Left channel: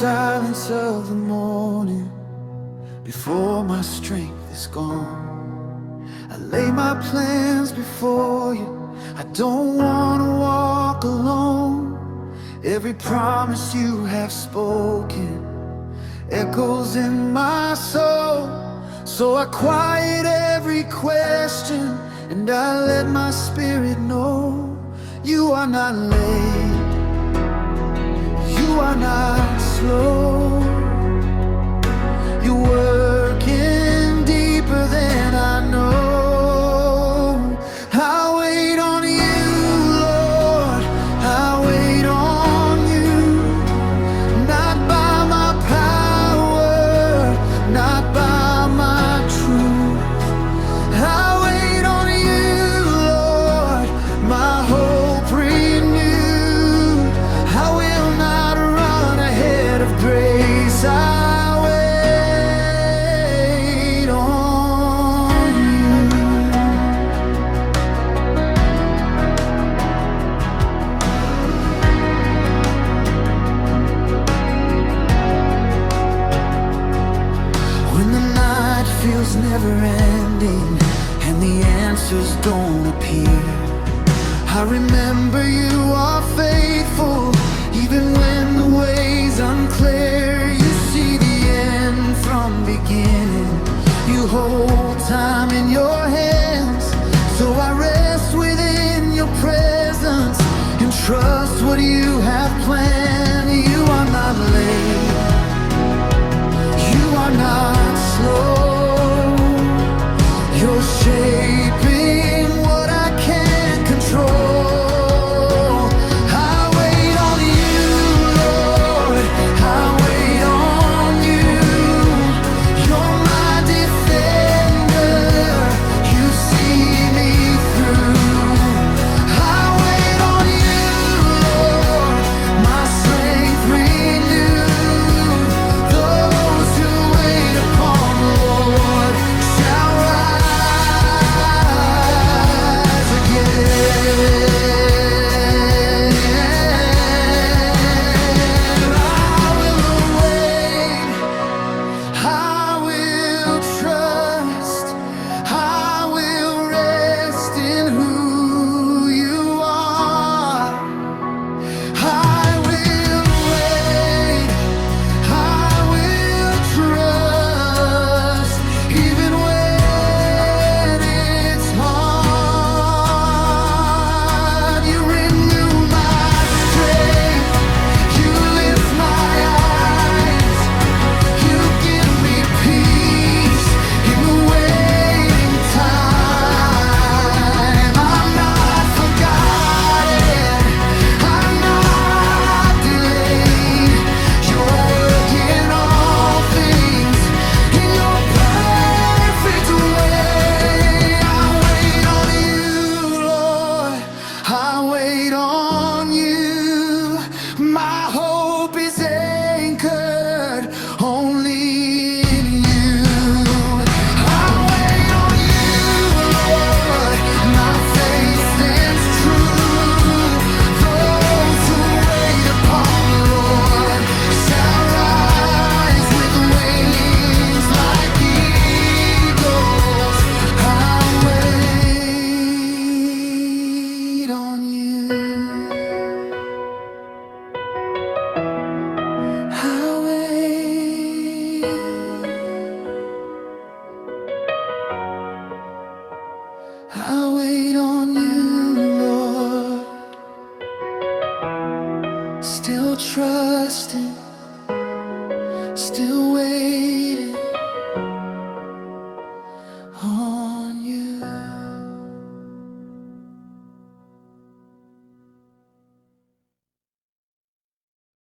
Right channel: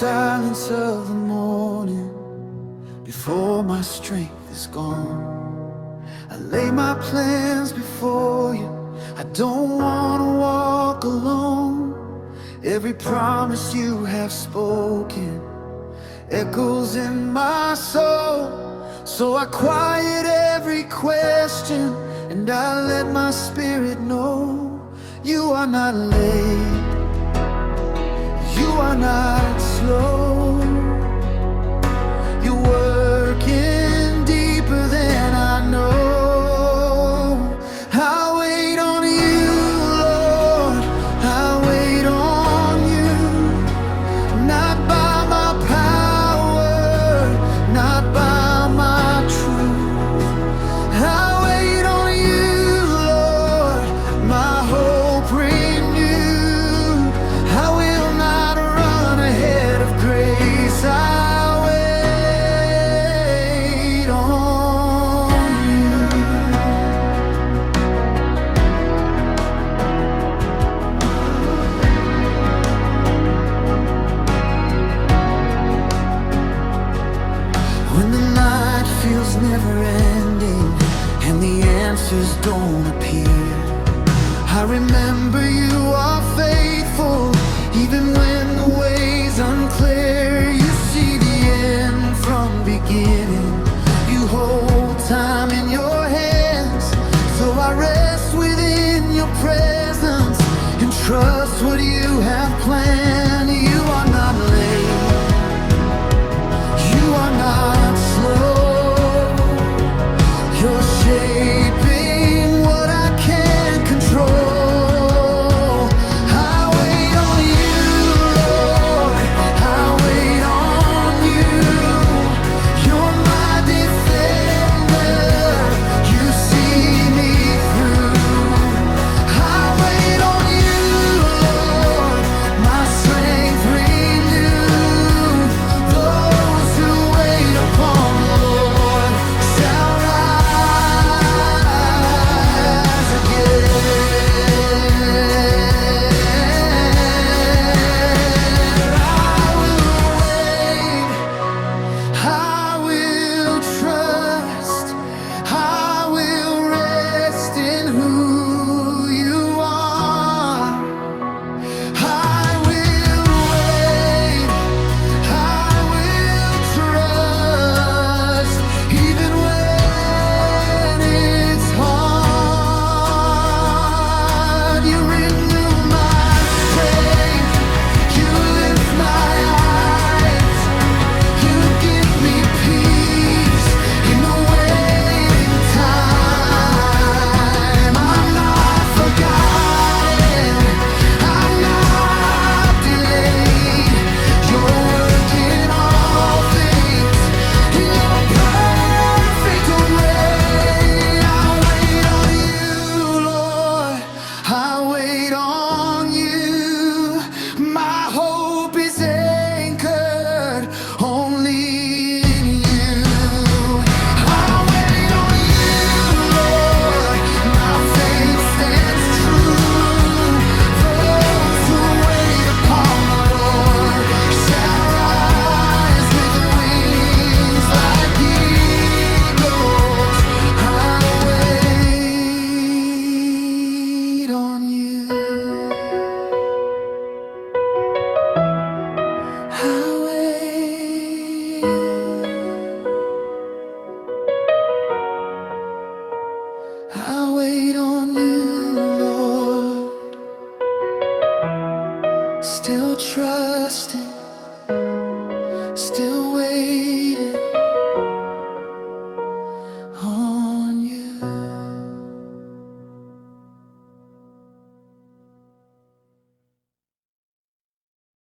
silence of the morning, before my strength is gone, I lay my plans before you. I don't want to walk alone. Every promise you have spoken echoes in my soul. So I quiet every question and I let my spirit know you are not late, you are not slow. You're working deeper than I know. I wait on you, Lord, I wait on you. Not by my power, not by my truth. I wait on you, Lord, my hope renewed. I will not run ahead of grace. I wait on you. When the night feels never ending and the answers don't appear, I remember you are faithful, even when the way's unclear. You see the end from beginning, you hold time in your hands. So I rest within your presence and trust what you have planned. You are not late, you are not slow. You're shaping what I can't control. I wait on you, Lord, I wait on you. You're my defender, you see me through. I wait on you, Lord, my strength renewed. Those who wait upon the Lord shall rise again. I will wait, I will trust, I will rest in who you are. I will wait, I will trust, even when it's hard. You renew my strength, you lift my eyes, you give me peace in the waiting time. I'm not forgotten, I'm not delayed. You're working all things in your perfect way. I wait on you, Lord, I wait on you. My hope is anchored only in you. I wait on you, Lord, my faith stands true. Those who wait upon the Lord shall rise with wings like eagles. I wait on you. I wait, I wait on you, Lord. Still trusting, still waiting.